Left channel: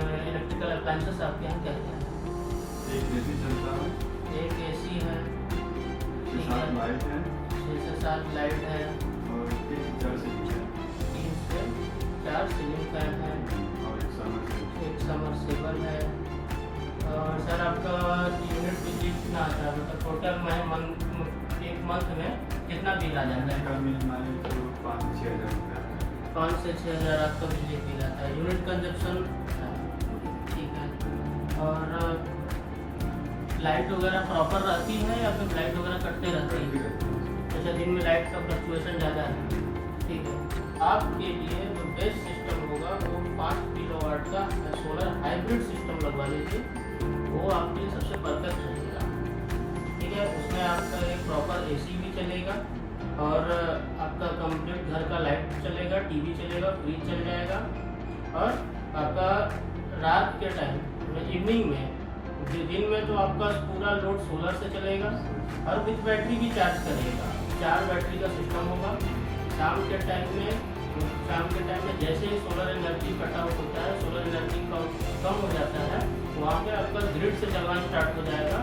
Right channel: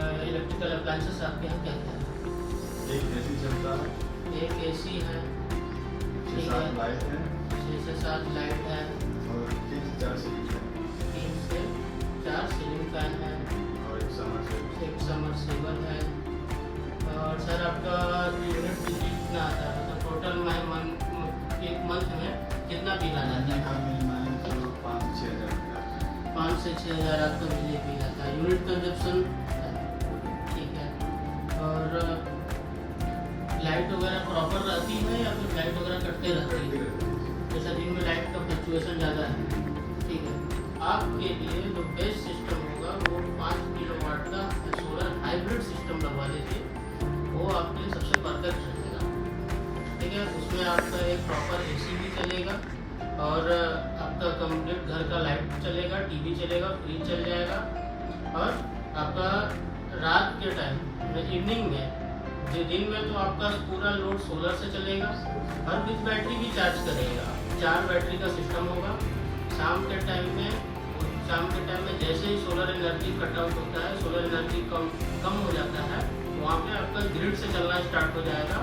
Electrical appliances आपके यहाँ क्या क्या है? एक एसी चलता है, एक एसी है, 6-7 लाइट है 6 से 7 लाइट है, और 3 से 4 सीलिंग है 3 से 4 सीलिंग फैन है, और एक समरसेबल। एक समरसेबल है। और सर आपका यूनिट बिजली कितना आता है, मतलब टोटल में एक मंथ में कितना बिल आ जाता है? कब मिलना है तो 5-6 हज़ार रुपया आता है। 5 से 6 हज़ार आपका बिजली बिल आता है। यूनिट कंजप्शन ठीक है। और लाइट वगैरह प्रॉपर रहती है या फिर लाइट वगैरह कटते रहते हैं? जैसे दिन में लाइट का फ्लक्चुएशन ज़्यादा है, ठीक है। आपके लिए जो बेस्ट सिस्टम होगा वो 5 किलोवाट का सोलर हाइब्रिड सिस्टम लगवा लीजिए, वो आपके लिए सबसे परफेक्ट रहेगा, ठीक है। उसमें आपका एक प्रॉपर एसी भी चलेगा और आपका कंप्लीट घर का लाइट चलेगा, टीवी चलेगा, फ्रिज चल जाएगा। और आपका रात के टाइम इवनिंग में, दिन में तो आपका पूरा लोड सोलर से चलेगा और विद बैटरी भी चार्ज करेगा, 4 बैटरी का सिस्टम होगा। शाम के टाइम में जैसे ही सोलर एनर्जी कट आउट होता है, सोलर एनर्जी कम हो जाता है, वहाँ पे आपका ग्रिड से चलना स्टार्ट हो जाएगा।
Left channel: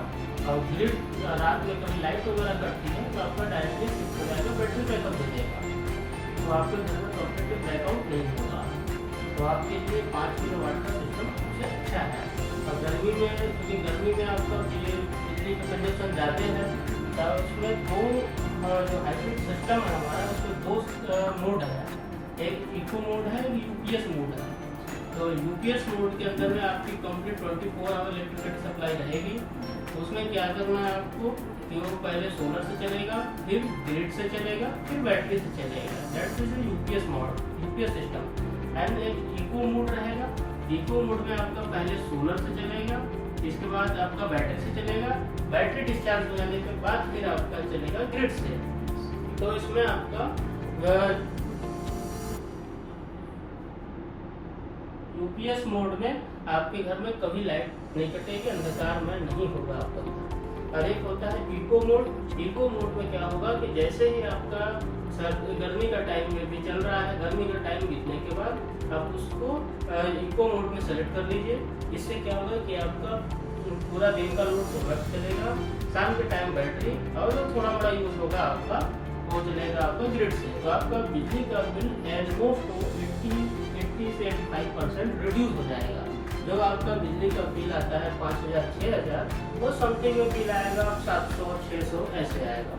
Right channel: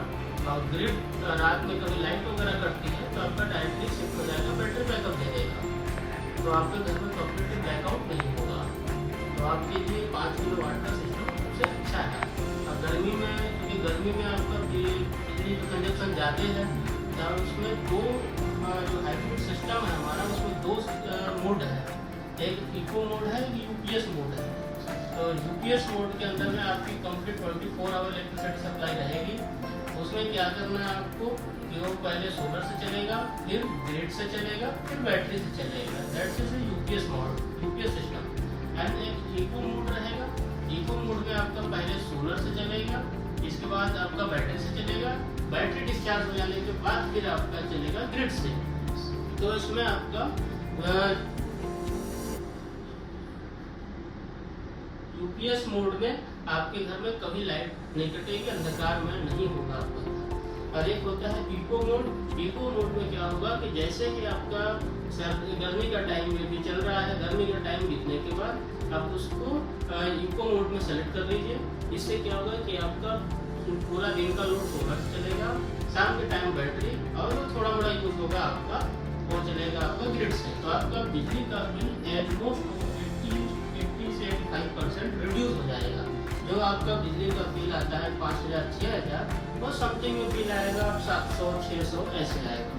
और ग्रिड रात में कभी लाइट वगैरह कटती है तो आपका डायरेक्टली शिफ्ट हो जाएगा, बैटरी बैकअप दे देगा, तो आपके घर में कंप्लीट ब्लैकआउट नहीं होगा। तो आपके लिए 5 किलोवाट का सिस्टम सबसे अच्छा है। और गर्मी में, क्योंकि गर्मी में आपका बिजली का कंजप्शन ज़्यादा है, तो उसमें दो जो हाइब्रिड सिस्टम है हमारा, उसमें 2 मोड है, एक इको मोड है, एक यूपीएस मोड है। तो यूपीएस मोड के अंदर में आपकी कंप्लीट 24 आवर इलेक्ट्रिसिटी सप्लाई रहेगी। उसमें क्या करना है आपको कि वो पहले सोलर से चलेगा, फिर ग्रिड से चलेगा, फिर बैटरी से चलेगा। That's is UPS mode, UPS system. And एक इको मोड रहेगा। इको मोड में आपका पहले सोलर से चलेगा, इसके बाद आपका बैटरी से चलेगा, बैटरी डिस्चार्ज हो जाने के बाद फिर आपका चलेगा ग्रिड से। तो इसमें आपका यूपीएस मोड में आपके घर में कभी लाइट नहीं कटेगी, अंधकार में नहीं होगा आपका। और एक होता है इको मोड। इको मोड में क्या होगा कि जैसे ही आपका गर्मी का टाइम भी चल रहा है, गर्मी का टाइम बीतने के बाद आप उसको इको मोड में सेलेक्ट कर लीजिए। इससे क्या होगा कि आपका पूरा दिन का लोड सोलर चलेगा, शाम के टाइम बैटरी, और थोड़ा बड़ा यूज होगा आपका, वो चलेगा आपका ग्रिड से। तो आपका बिजली का बिल ऑलमोस्ट 80 से 85% रिड्यूस हो जाएगा। जो आपका बिजली का बिल आता है 5,000-6,000, वो समथिंग में बिल आएगा 700-600 ऐसे आएगा।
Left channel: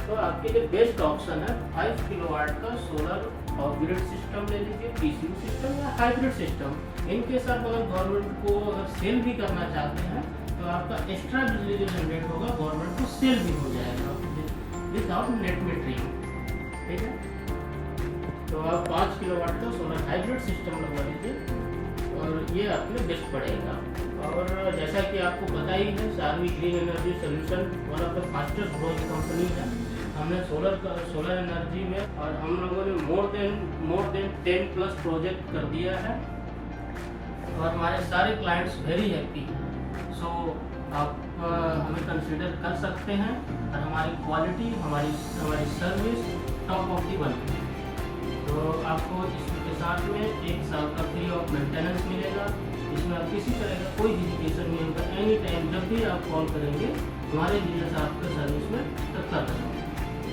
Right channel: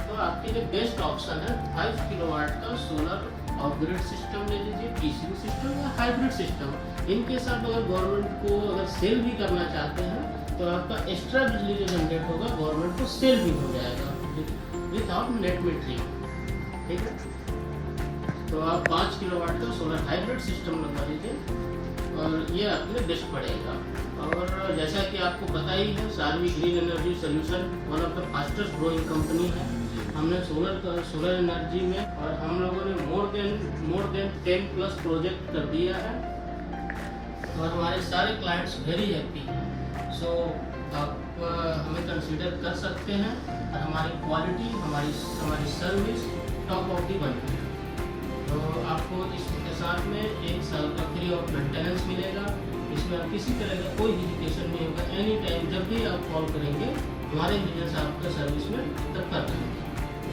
तो आपके लिए बेस्ट ऑप्शन है 5 किलोवाट का सोलर और ग्रिड सिस्टम ले लीजिए, पीसीबी सिस्टम या हाइब्रिड सिस्टम। इनके साथ अगर गवर्नमेंट को अगर सेल भी करना चाहते हैं तो आपका एक्स्ट्रा बिजली जो जनरेट होगा गवर्नमेंट को सेल भी हो जाएगा विदाउट नेट मीटरिंग, ठीक है। तो आप 5 किलोवाट का सोलर हाइब्रिड सिस्टम लगवा लीजिए और ये आपके लिए बेस्ट पड़ेगा। और जैसा कि आपको पता ही है, Sharvi green energy solution one of the fastest growing company है। हमने सोलर एनर्जी में और हम लोगों ने मोर देन 10+ प्रोजेक्ट कर दिया है और हमारे सारे क्लाइंट्स वेरी हैप्पी हैं। सो आप हमें कंसिडर कर सकते हैं और हमारी क्वालिटी, हमारी सर्विस टॉप ऑफ दी बनती है। तो आपको इसके साथ में 1 साल का फ्री ऑफ मेंटेनेंस मिलेगा। इसमें आप किसी तरह का कोई हेजिटेशन नहीं होगा। एनी टाइम जब भी आप कॉल करेंगे हमारे इंजीनियर्स आपके सर्विस में तब कर देंगे।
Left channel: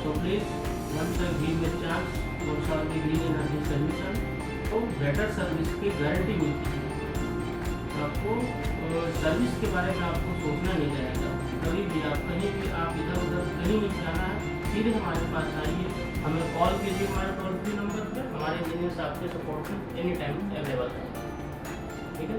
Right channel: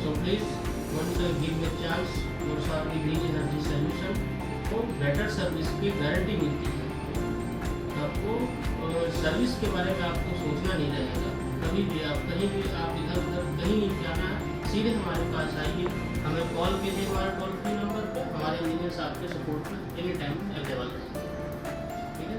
So please once give me chance for Sharvi green energy solution. तो बेटर सर्विस की गारंटी मिलती है आपको। सर्विस के बारे में आपको सोचना नहीं रहेगा। कभी भी आप कहीं भी आप इधर उधर कहीं नहीं जाना है, सीधे हमारे पास आइए, हमें कॉल कीजिए हमारे टोल फ्री नंबर पर। हमारे इंजीनियर्स आपके सपोर्ट में एनी टाइम अवेलेबल है, ठीक है।